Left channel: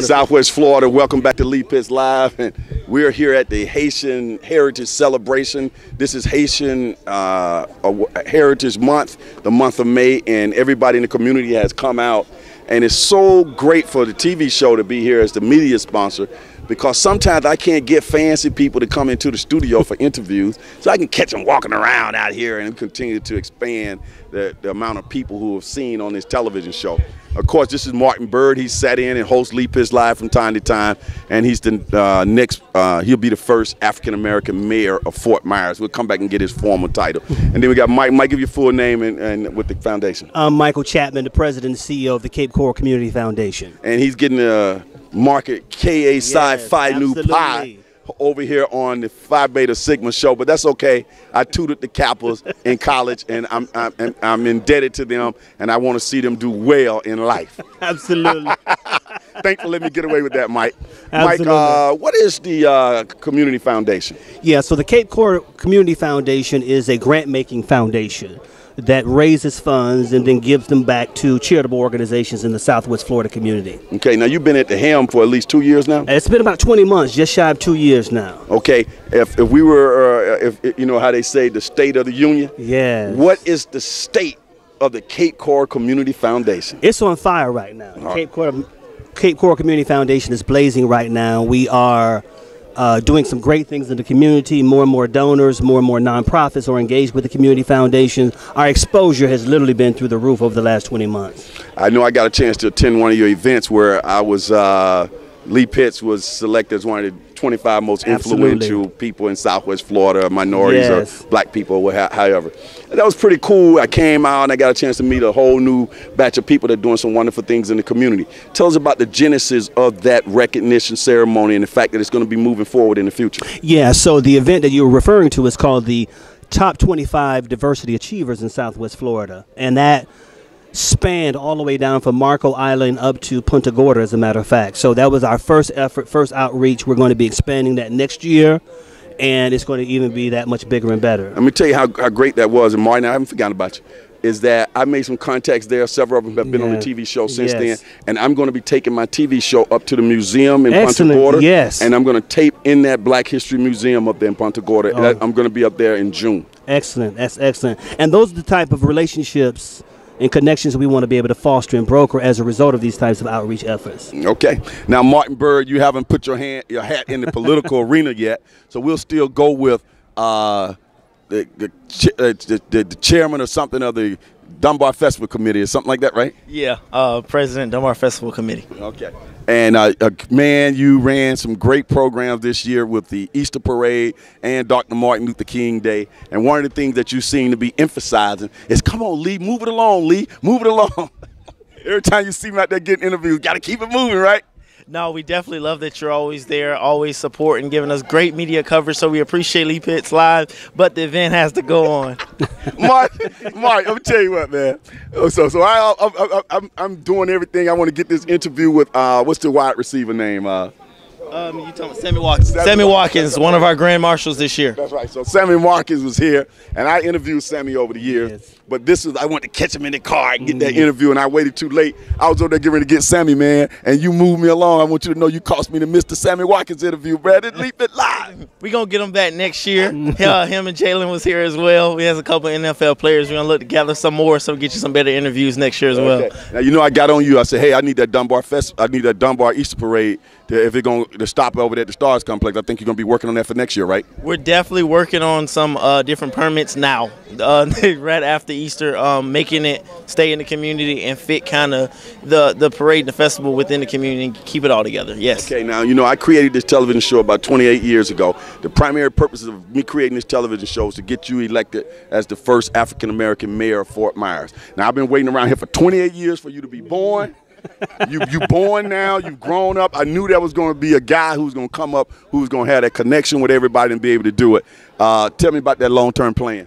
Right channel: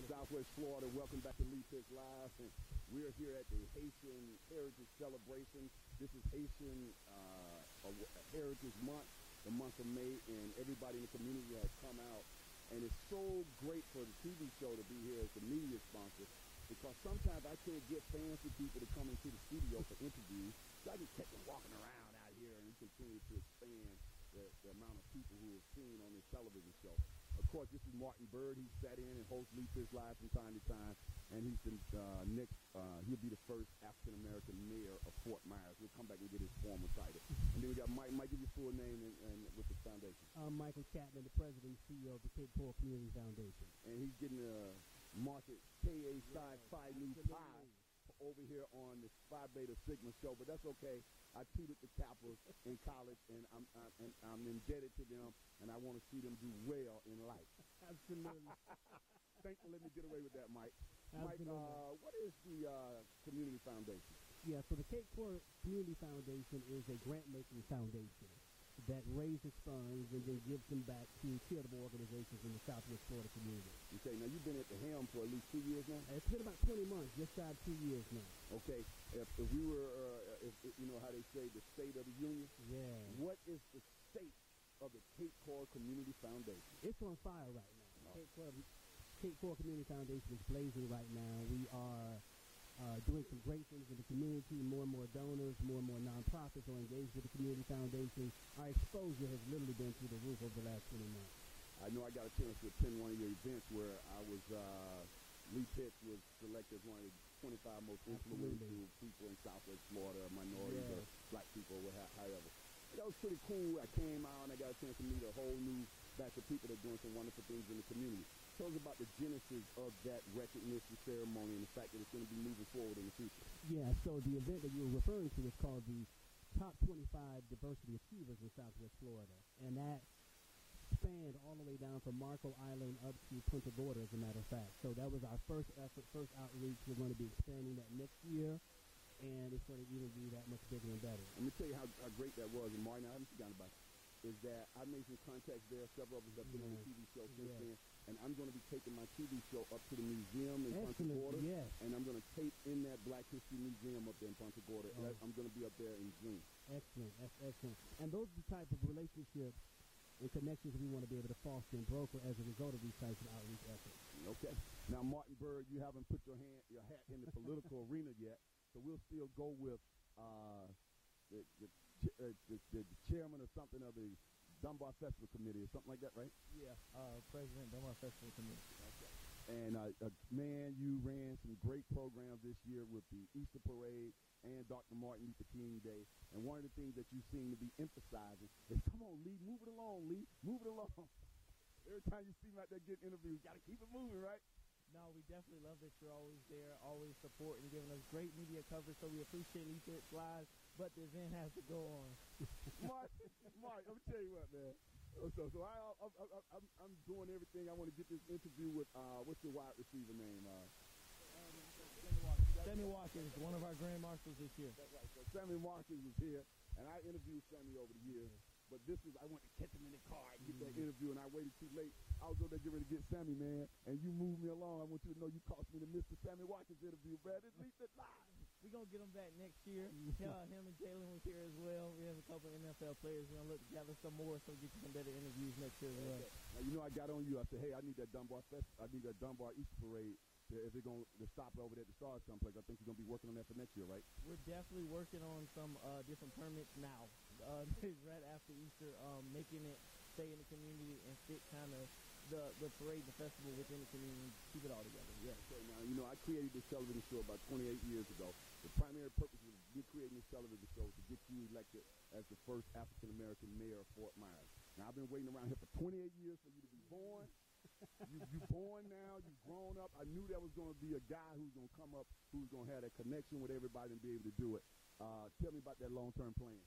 Southwest Florida, welcome back to Lee Pitts Live. And we're here at the Haitian Heritage Celebration. This is Haitian Heritage Month, the month of May, and everybody in the community has come out. And it's so great for the TV show to be here as the media sponsor, because sometimes I can't get fancy people to come into the studio for interviews, so I can catch them walking around out here and continue to expand the amount of people who have seen on this television show. Of course, this is Martin Byrd. He sat in and hosts Lee Pitts Live from time to time, and he's the he'll be the first African-American mayor of Fort Myers. We'll come back and get his formal title. And then we got Mike. Mike, give your full name and with the foundation. I'm Michael Chatman, the president and CEO of the Cape Coral Community Foundation. And he's getting a market KA Psi Phi Nu Pi over here on the Phi Beta Sigma show, but that's okay. I tutored the Kappas in college, and I'm indebted to them, and I want to see them do well in life. Absolutely. Thanks for letting me get away with that, Mike. Absolutely. Mike, what is the Community Foundation? Yeah, so the Cape Coral Community Foundation is a grant-making foundation that raises funds and then gives them back to charitable organizations in the Southwest Florida community. Okay, now you've been at the helm for at least 2 years now? It's been about 20 months, just shy of 2 years now. Okay, if we were, if you know how they say the state of the union? Yes. What is the state of the Cape Coral Community Foundation? It's on fire right now. Cape Coral Community Foundation is blazing right now. We are doing some great things in the community. More and more donors, more and more nonprofits are engaged with the community foundation. Our exposure has literally been through the roof over the last 20 months. I know I got a chance to attend one of your events where I was, Lee Pitts was selected as one of the 25 most influential people in Southwest Florida, minorities or black people, or however. That was pretty cool. I came out and I got a chance to meet a whole new batch of people that are doing some wonderful things in the community. Tell us about the genesis of that recognition ceremony and the fact that it's going to be moving forward in the future. Yeah, so the event that you were referring to is called the Top 25 Diversity Achievers in Southwest Florida, and that spanned all the way down from Marco Island up to Punta Gorda, as a matter of fact. So that was our first effort, first outreach. We're going to be expanding that next year, and it's going to even be that much bigger and better. Let me tell you how great that was. And Martin, I haven't forgotten about you, is that I made some contacts there. Several of them have been on the TV show since then. And I'm going to be taking my TV show up to the museum in Punta Gorda. Yes. And I'm going to tape in that Black History Museum up there in Punta Gorda. Oh. I'm going to be up there in June. Excellent. That's excellent. And those are the type of relationships and connections we want to be able to foster and broker as a result of these types of outreach efforts. Okay. Now, Martin Byrd, you haven't put your hat in the political arena yet, so we'll still go with the chairman or something of the Dunbar Festival Committee or something like that, right? Yeah, President Dunbar Festival Committee. Okay. And, man, you ran some great programs this year with the Easter Parade and Dr. Martin Luther King Day. And one of the things that you seem to be emphasizing is, come on, Lee, move it along, Lee, move it along. Every time you see me out there getting interviews, got to keep it moving, right? No, we definitely love that you're always there, always supporting, giving us great media coverage, so we appreciate Lee Pitts Live, but the event has to go on. Mark, let me tell you what, man. So I'm doing everything. I want to get this interview with, what's the wide receiver name? You talking about Sammy Watkins. Sammy Watkins, one of our grand marshals this year. That's right. So Sammy Watkins was here, and I interviewed Sammy over the years. Yes. But I wanted to catch him in the car and get that interview, and I waited too late. I was over there getting ready to get Sammy, man, and you moved me along. I want you to know you cost me to miss the Sammy Watkins interview, Brad. Leap it live. We're going to get him back next year. Him and Jalen was here as well. We have a couple of NFL players. We're going to look to gather some more so we get you some better interviews next year as well. Now, you know, I got on you. I said, hey, I need that Dunbar Easter Parade. If it's going to stop over there at the Stars Complex, I think you're going to be working on that for next year, right? We're definitely working on some different permits now, right after Easter, making it stay in the community and fit kind of the parade and the festival within the community and keep it all together, yes. Okay, now, you know, I created this television show about 28 years ago. The primary purpose of me creating this television show is to get you elected as the first African-American mayor of Fort Myers. Now, I've been waiting around here for 28 years for you to be born. You born now, you've grown up. I knew there was going to be a guy who's going to come up who's going to have that connection with everybody and be able to do it. Tell me about that long-term plan.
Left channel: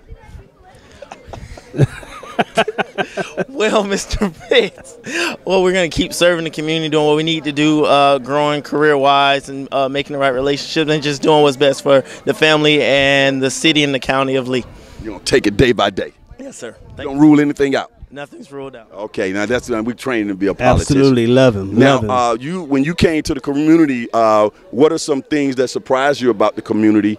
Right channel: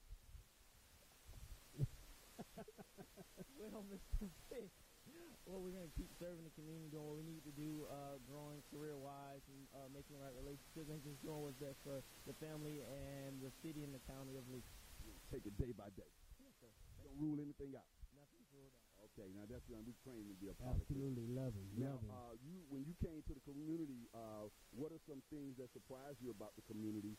Well, Mr. Pitts, well, we're going to keep serving the community, doing what we need to do, growing career-wise and making the right relationships and just doing what's best for the family and the city and the county of Lee. You're going to take it day by day. Yes, sir. You don't rule anything out. Nothing's ruled out. Okay, now that's we trained to be a politician. Absolutely, love him. Now, love him. when you came to the community, what are some things that surprised you about the community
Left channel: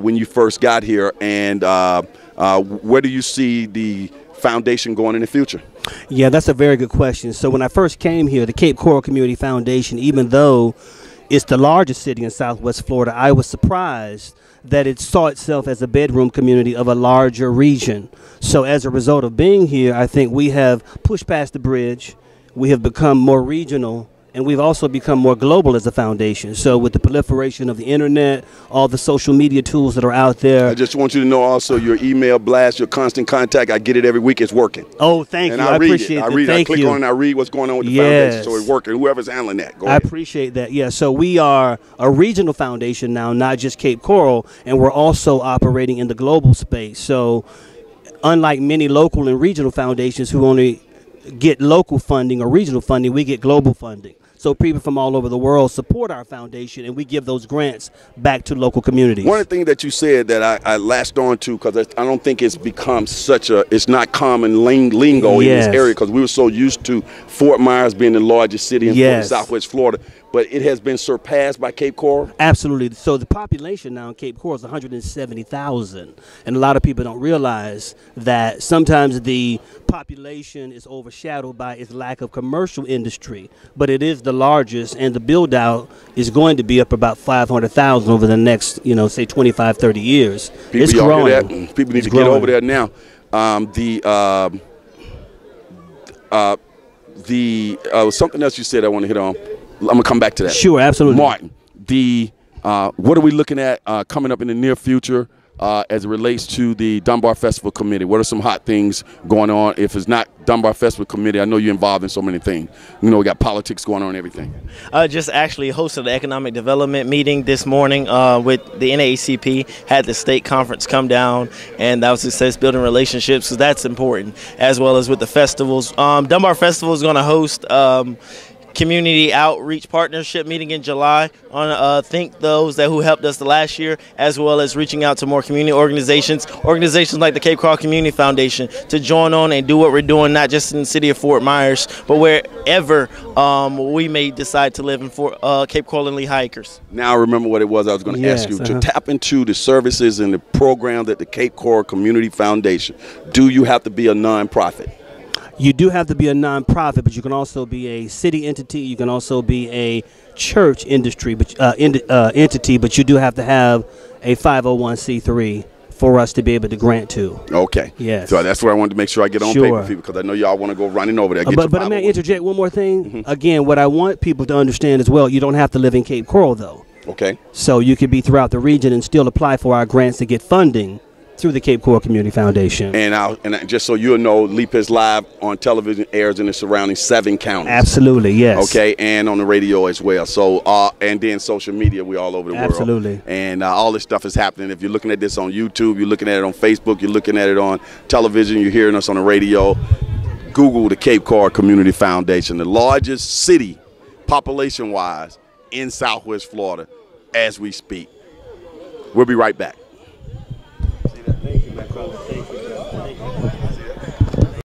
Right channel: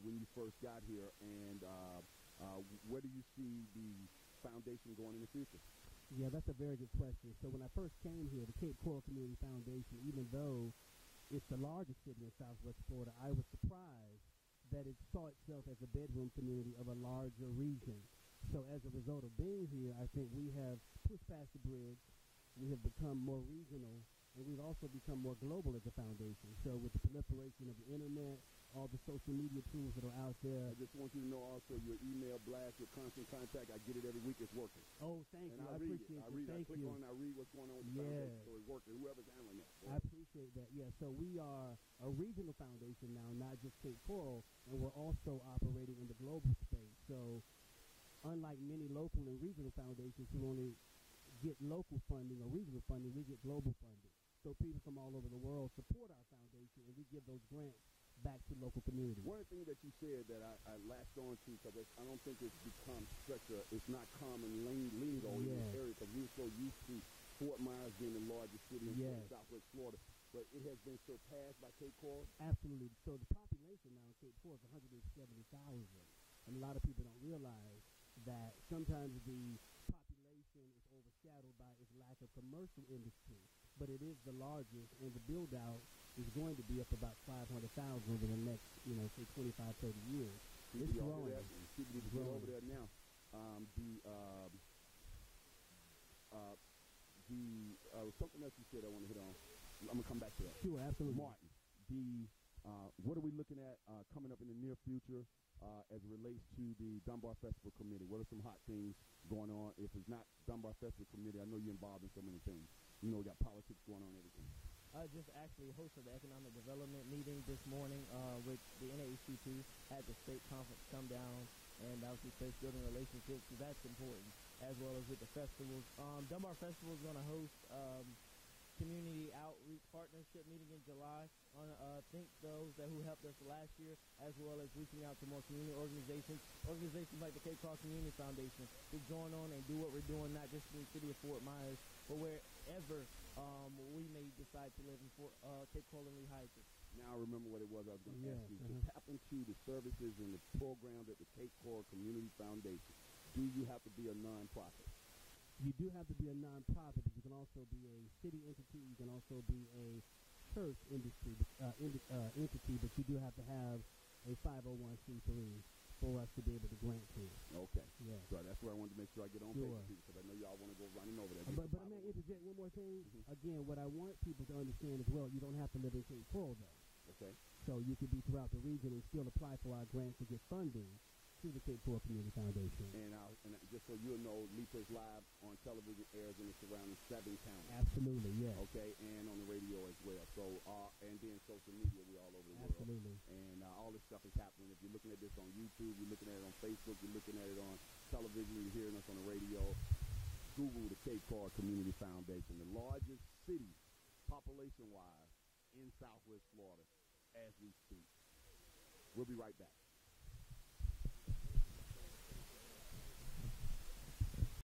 when you first got here, and where do you see the foundation going in the future? Yeah, that's a very good question. So when I first came here, the Cape Coral Community Foundation, even though it's the largest city in Southwest Florida, I was surprised that it saw itself as a bedroom community of a larger region. So as a result of being here, I think we have pushed past the bridge. We have become more regional, and we've also become more global as a foundation. So with the proliferation of the internet, all the social media tools that are out there. I just want you to know also your email blast, your constant contact, I get it every week, it's working. Oh, thank and you. I appreciate it. it. I read it. Thank I click you. on it and I read what's going on with the Yes. foundation. So it's working. Whoever's handling that, go I ahead. appreciate that. Yeah, so we are a regional foundation now, not just Cape Coral, and we're also operating in the global space. So unlike many local and regional foundations who only get local funding or regional funding, we get global funding. So people from all over the world support our foundation, and we give those grants back to local communities. One of the things that you said that I latched on to, because I don't think it's become it's not common lingo in this area, because we were so used to Fort Myers being the largest city in Southwest Florida, but it has been surpassed by Cape Coral? Absolutely. So the population now in Cape Coral is 170,000, and a lot of people don't realize that sometimes the population is overshadowed by its lack of commercial industry, but it is the largest, and the build out is going to be up about 500,000 over the next, say 25, 30 years. It's growing. Hear that? People need to get over there now. Something else you said I want to hit on. I'm going to come back to that. Sure, absolutely. Martin, what are we looking at coming up in the near future as it relates to the Dunbar Festival Committee? What are some hot things going on? If it's not Dunbar Festival Committee, I know you're involved in so many things. We got politics going on and everything. Just actually hosted an economic development meeting this morning with the NAACP, had the state conference come down, and that was success building relationships, so that's important, as well as with the festivals. Dunbar Festival is going to host community outreach partnership meeting in July on thank those who helped us the last year, as well as reaching out to more community organizations like the Cape Coral Community Foundation, to join on and do what we're doing, not just in the city of Fort Myers, but wherever we may decide to live in Cape Coral and Lehigh Acres. Now I remember what it was I was going to ask you. To tap into the services and the program that the Cape Coral Community Foundation, do you have to be a nonprofit? You do have to be a nonprofit, but you can also be a city entity. You can also be a church entity, but you do have to have a 501c3 for us to be able to grant to. Okay. Yes. So that's where I wanted to make sure I get on paper for you, because I know y'all want to go running over there. But I may interject one more thing. Again, what I want people to understand as well, you don't have to live in Cape Coral, though. Okay. So you could be throughout the region and still apply for our grants to get funding through the Cape Coral Community Foundation. And just so you'll know, LPL Live on television airs in the surrounding 7 counties. Absolutely, yes. Okay, and on the radio as well. So, and then social media, we're all over the world. Absolutely. And all this stuff is happening. If you're looking at this on YouTube, you're looking at it on Facebook, you're looking at it on television, you're hearing us on the radio, Google the Cape Coral Community Foundation, the largest city, population-wise, in Southwest Florida as we speak. We'll be right back. Thank you,